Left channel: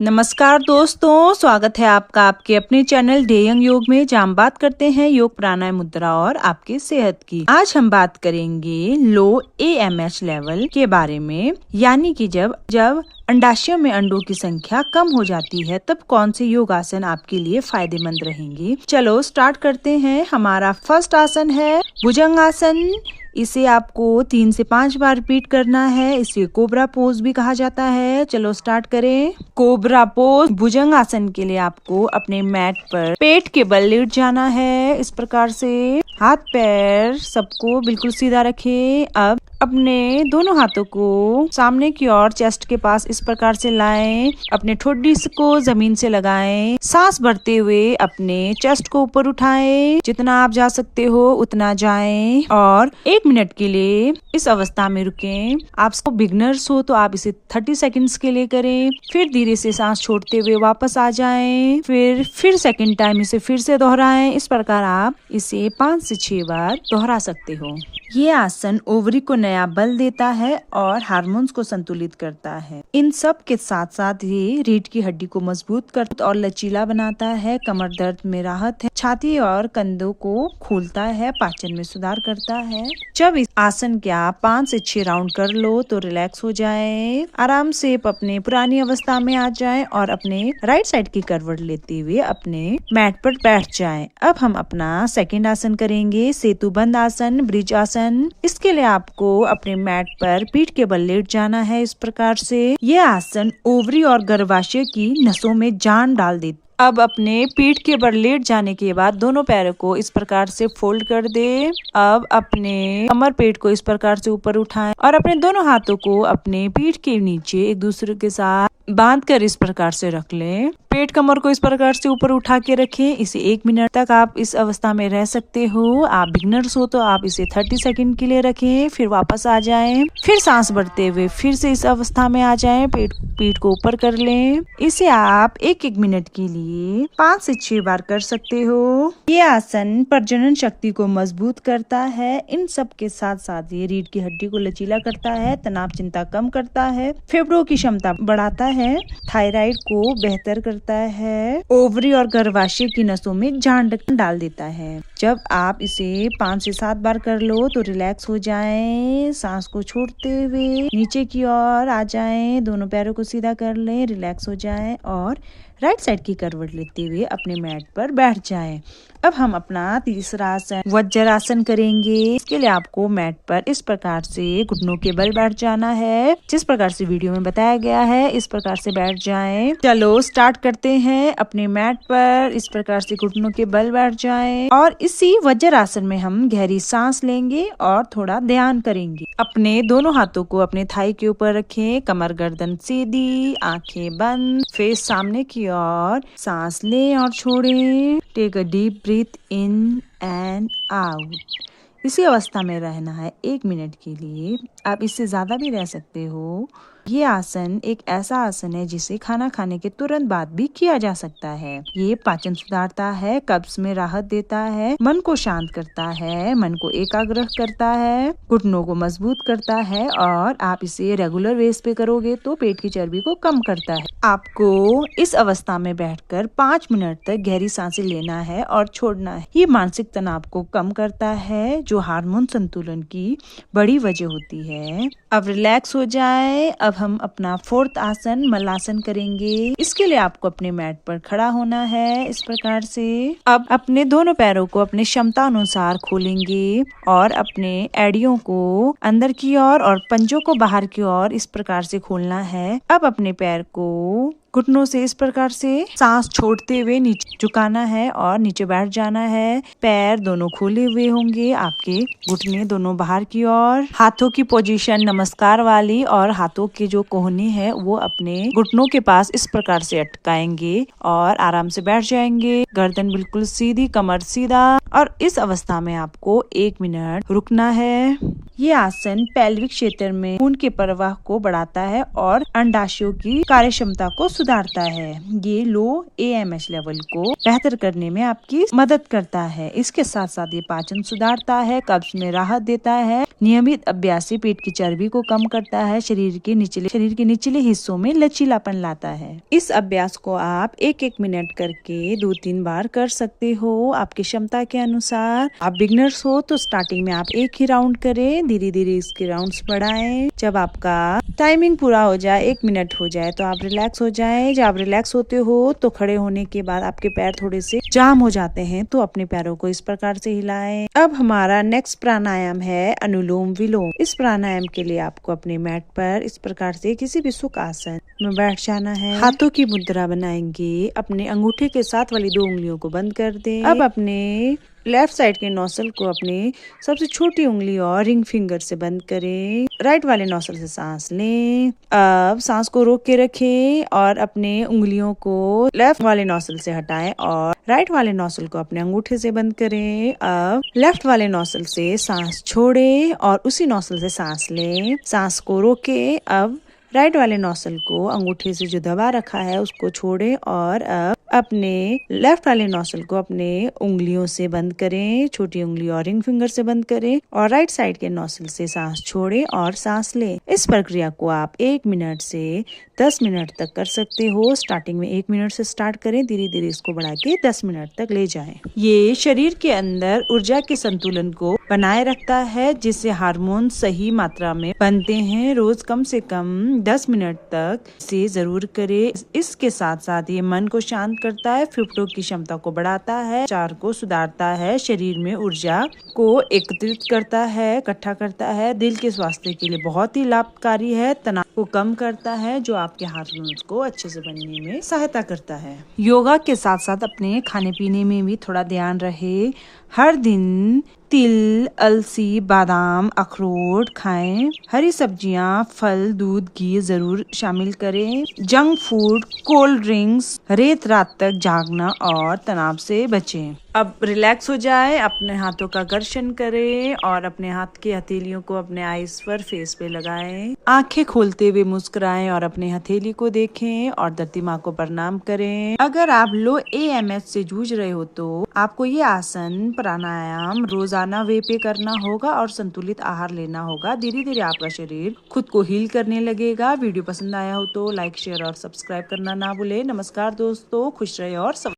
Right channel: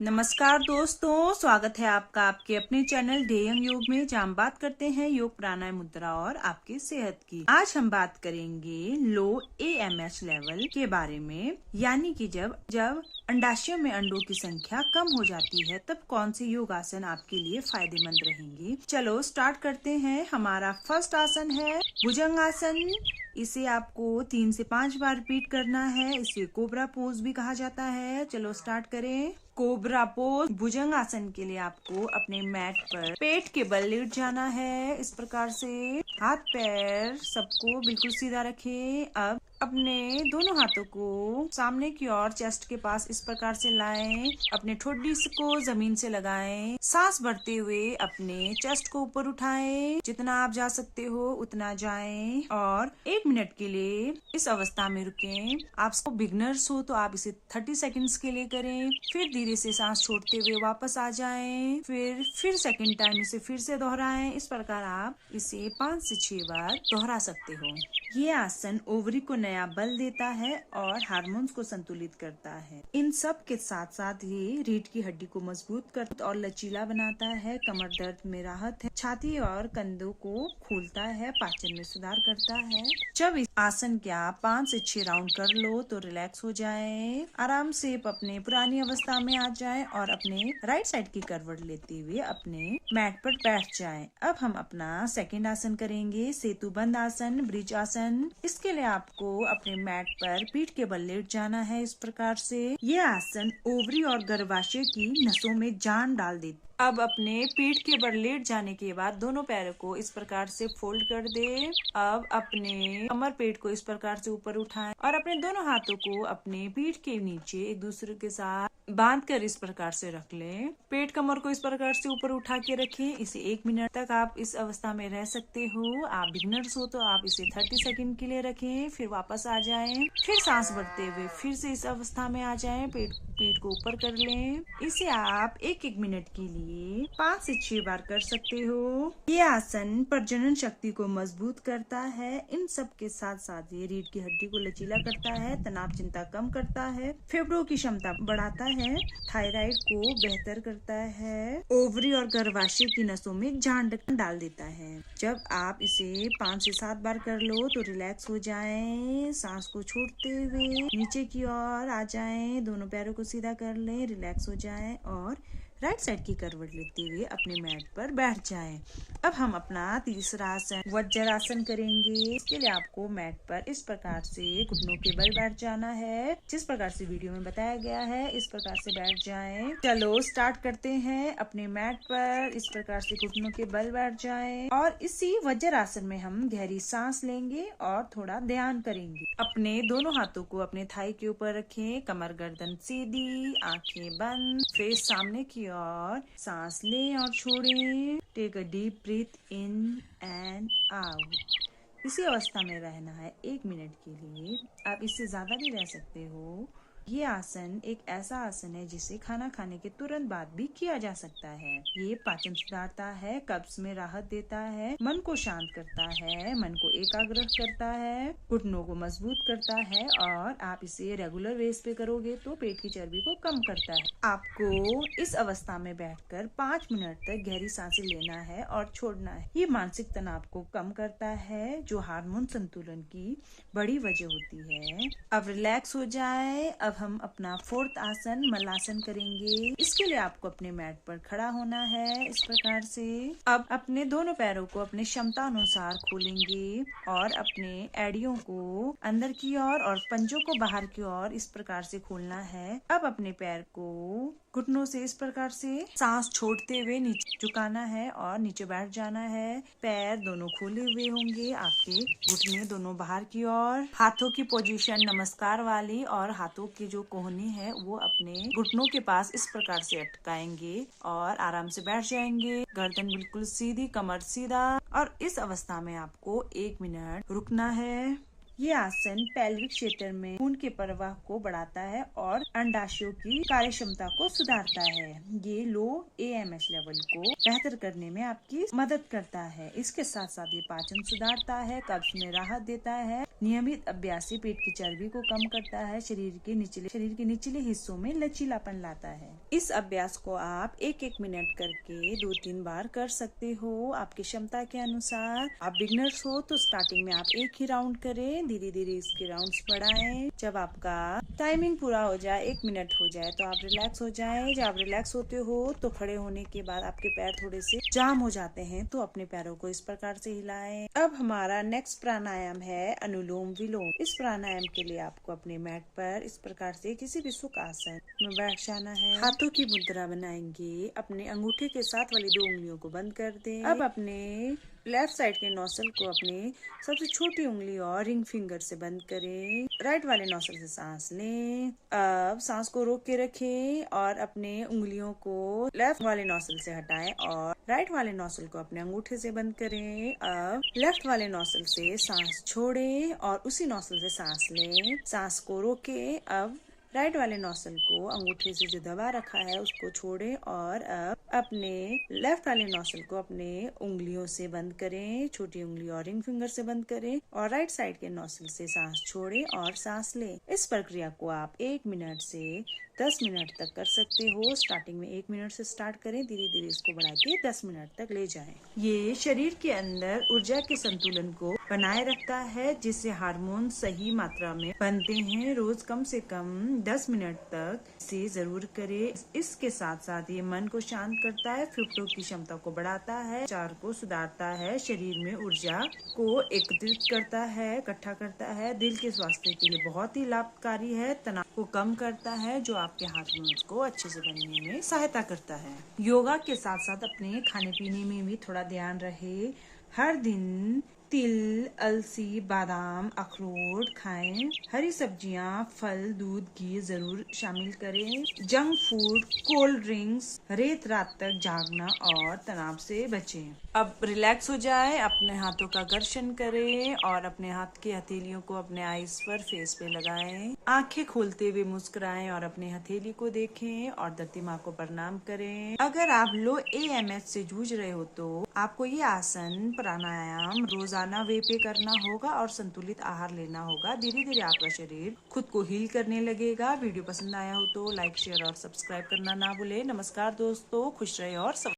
नमस्कार दोस्तों, स्वागत है आपका आपके अपने चैनल डे यंग योग में, जहाँ हम बात करते हैं योग प्राणायाम मुद्रा और आपकी सेहत की। आज हम बात करेंगे लो AMH लेवल के बारे में, यानी कि जब अंडाशयों में अंडों की संख्या कम हो जाती है तब कौन से योग आसन आपके लिए फायदेमंद रहेंगे। चलो स्टार्ट करते हैं। हमारा फर्स्ट आसन है भुजंग आसन। इसे आपको 3 से 5 बार रिपीट करना है। इसे कोबरा पोज भी कहा जाता है। चलो स्टार्ट करें। कोबरा पोज भुजंग आसन के लिए आपको अपने मैट पर पेट के बल लेट जाना है। इस प्रकार से हाथ पैर सबको बिल्कुल सीधा रखें। अब अपने दोनों हाथों को सामने की ओर चेस्ट के पास इस प्रकार से लाएं। अपने ठोडी को जमीन से लगाएं। सांस भरते हुए अपने चेस्ट को ऊपर उठाएं। जितना आप जा सकते हो उतना जाएं और 1 मिनट के लिए इस अवस्था में रुकें। आप बिगनर्स हो तो आप इसे 30 सेकंड्स के लिए करें। फिर धीरे से सांस छोड़ते हुए वापस आ जाएं। फिर सेकंड टाइम इसे फिर से दोहराएं। इस प्रकार आप इसे 5 से 6 बार दोहरा सकते हो। ये आसन ओवरी को नया बल देता है और हार्मोन्स को संतुलित करता है। इन सब के साथ साथ ये रीढ़ की हड्डी को मजबूत करता और लचीला बनाता है। कमर दर्द में राहत है। छाती और कंधों को खोलता है। पाचन में सुधार करता है। जब इस आसन के आप 5 से 6 राउंड कर लो तो रिलैक्स हो जाए। आराम से अपने पुरानी अवस्था में आ जाए और अपने राइट साइड की करवट लेते हुए अपने मैट पर बैठ जाए। अब हम अपना सेकेंड आसन करेंगे, सेतु बंद आसन, ब्रिज आसन। इसके लिए आपको अपने मैट पर पीठ के बल लेट जाना है। इस प्रकार से यह आसन ओवरी और गर्भाशय की नसों में जान डाल देता। अब अपने पीठ के बल लेट जाने के बाद दोनों पैरों को इस प्रकार से फोल्ड कर दे। अब अपने कमर पेट को इस प्रकार से ऊपर उठाएं और अपने दोनों हाथों को अपने पीठ के नीचे एक दूसरे के साथ बांध कर इस प्रकार से रख लें। पेट कमर को इस प्रकार से ऊपर उठा के रखें। इसे 1 मिनट तक आप इस अवस्था में रह सकते हो। आप बिगनर्स हो तो आप इसे 30 सेकंड के लिए रखें। फिर वापस आ जाएं। फिर सांस भरते हुए फिर से इस अवस्था में आ जाएं। पीठ को ऊपर कर लें। इसे आप 1-1 मिनट के लिए 5 से 6 बार कर सकते हो। ये आसन प्रजनन शक्ति को मजबूत करता है। इन सब के साथ साथ ये रीढ़ की हड्डी को लचीला करता है, तनाव चिंता कम करता है, फेफड़ों की क्षमता बढ़ाता है, थायराइड को बेहतर करता है, ओवरी और गर्भाशय की नसों में जान डाल देता है। जब आप इसे 5 से 7 बार कर लो तो रिलैक्स हो जाएं। सांस को छोड़ते हुए नीचे की ओर आ जाएं। दोनों पैरों को सीधा कर लें, रिलैक्स हो जाएं और राइट साइड की करवट लेते हुए अपने मैट पर बैठ जाएं। अब हम अपना तीसरा आसन वज्रासन करेंगे। इसके लिए आपको मैट पर इस प्रकार से घुटनों के बल बैठ जाना है। जिस प्रकार से वीडियो में बताया गया है इस प्रकार से बैठ जाएं। चलो स्टार्ट करते हैं। अपने मैट पर इस प्रकार से घुटनों के बल बैठ जाएं और इसी वज्रासन में हम गहरी सांस लेंगे और थोड़ा ध्यान करेंगे। अपने दोनों हाथों को अपने थाई के ऊपर रखें। कमर गर्दन सीधी, आंखें बंद, फेस सामने की ओर। सांस लें और छोड़ें। Take a deep breath in and out. इसी अवस्था में रहना है 1 मिनट के लिए। आप इससे ज्यादा भी रह सकते हो। ये आसन एक ऐसा आसन है जिसे खाना खाने के तुरंत बाद भी किया जा सकता है। ये पाचन सुधारता है, कब्ज में राहत देता है, मन को शांत करता है, मन को एकाग्र करता है, घुटनों को मजबूत करता है और आप इसे रेगुलर बेस पे करोगे तो पेट की चर्बी को कम करता है। आपको इस अवस्था में बैठकर 5 मिनट तक गहरी सांसें लेना है और छोड़ना है। ये मानसिक तनाव को कम करता है जो हार्मोन संतुलन की बड़ी वजह होती है। अब रिलैक्स हो जाए। अब हम अपना 4th आसन मल्लासन करेंगे। इसके लिए आपको अपने मैट पर खड़ा होना है इस प्रकार से। अब अपने दोनों पैरों को अपने क्षमता अनुसार खोलेंगे और अपने एड़ियों को अंदर की ओर और पंजों को बाहर की ओर इस प्रकार से खोलना है। अब अपने पैर को घुटनों से इस प्रकार से सांस छोड़ते हुए नीचे झुकाना है और नीचे बैठ जाना है। पैर दोनों खोले हुए होंगे, आपके घुटने दोनों बाहर की ओर। हाथों की पोजीशन नमस्कार वाली और हाथों के जो कोहनी है वो अपने घुटनों के पास इस प्रकार से अटकाएंगे और आराम से बैठ जाएंगे। गर्दन बिल्कुल सीधी, कमर सीधा और इस अवस्था में आपको 1 मिनट रुकना है। ये आसन पैल्विक क्षेत्र में खून के प्रवाह को बढ़ाता है और अंडाशयों की कार्य क्षमता को सुधारता है। ये लो AMH लेवल को बेहतर करने में आपकी मदद करता है। इसके साथ साथ ये पाचन सुधारता है, कब्ज में राहत देता है। नियमित अभ्यास से पेट की चर्बी को कम करता है, शरीर के निचले हिस्सों में लचीलापन लाता है। इस अभ्यास को आप 1-1 मिनट करके 2-3 बार कर सकते हो, आपकी क्षमता के अनुसार। आप बिगनर्स हो तो स्टार्टिंग में आप 1 ही राउंड करें, धीरे धीरे इसके राउंड्स बढ़ाएं। जब आपका टाइमिंग पूरा हो जाए, 1 मिनट हो जाए, तो आप रिलैक्स हो जाएं। जब आप रिलैक्स होते हो तो खड़े होने के बाद आपके पैर थोड़े से जाम हो जाते हैं, तो अपने पैरों को इस प्रकार से हिलाएं। अब हमारा नेक्स्ट प्राणायाम है अनुलोम विलोम। इस प्राणायाम के लिए आपको अपने मैट पर इस प्रकार से किसी भी सुख आसन में बैठ जाना है। हाथों की मुद्रा बनाएंगे, अपने अंगूठे के साथ वाली 2 उंगलियों को बंद कर दें। अब अपने लेफ्ट साइड के नोजल को अपनी सबसे छोटी उंगली और रिंग फिंगर से बंद करें। राइट वाले नोजल से सांस लें। अब सांस को रोक के रखें और अपने उंगलियों को लेफ्ट वाले नोजल से हटाएं और राइट वाले नोजल को अपने अंगूठे से बंद करें। अब लेफ्ट वाले नोजल से सांस छोड़ें और उसी नोजल से सांस लें। सांस को रोके। अब राइट वाले नोजल को अंगूठे से जो दबा रखा है उसको छोड़ें और अब अपने लेफ्ट वाले नोजल को अपने उंगलियों से बंद करें, छोटी उंगली और रिंग फिंगर से बंद करें और राइट साइड के नोजल से सांस छोड़ें और सांस लें। इस प्रक्रिया को आप 1 मिनट से 10 मिनट तक कर सकते हो। स्टार्टिंग में 1 मिनट से स्टार्ट करें, धीरे धीरे इसको बढ़ा के 10 मिनट तक ले जाएं। ये शरीर के अंदर ऊर्जा के संतुलन को बनाए रखता है, जिससे हार्मोन सही मात्रा में बनते हैं। रोज कम से कम 10 मिनट तक इसे जरूर करें। इसके साथ साथ ये मन को शांत करता है, फेफड़ों की क्षमता को बढ़ाता है, विचार को सुधारता है, शरीर में ऊर्जा को एकत्रित करता है, इकट्ठा करता है, दिल के स्वास्थ्य के लिए बहुत ही लाभकारी है, तनाव को कम करता है, जो आपके हार्मोन्स को अच्छे से बनने में सहायता करता है। योगा के साथ साथ अपने खाने पीने में भी थोड़ा ध्यान रहे। हर दिन तिल, अलसी, बादाम, अखरोट खाएं। हरी सब्जियां, फल, दूध, घी जरूर शामिल करें। जंक फूड, कोल्ड ड्रिंक्स, रात तक जागना और तनाव से बचें। अब रिलैक्स हो जाए, अपने हाथों का घर्षण करें और अपने हाथ की हथेलियों को अपने आईज पर, फेस पे लगाएं। आंखें खोलते हुए मुस्कुराएं और अपने हथेली को देखें और धरती माँ को प्रणाम करें। अगर आप लो AMH से जूझ रहे हो तो आपको ये आसन, प्राणायाम रोजाना वे पे करना होगा और संतुलित आहार लेना होगा। धीरे धीरे आपका शरीर खुद को हील करने लगेगा। वीडियो पसंद आया हो तो लाइक, शेयर और सब्सक्राइब करना ना भूले। नमस्कार दोस्तों, खुश रहे और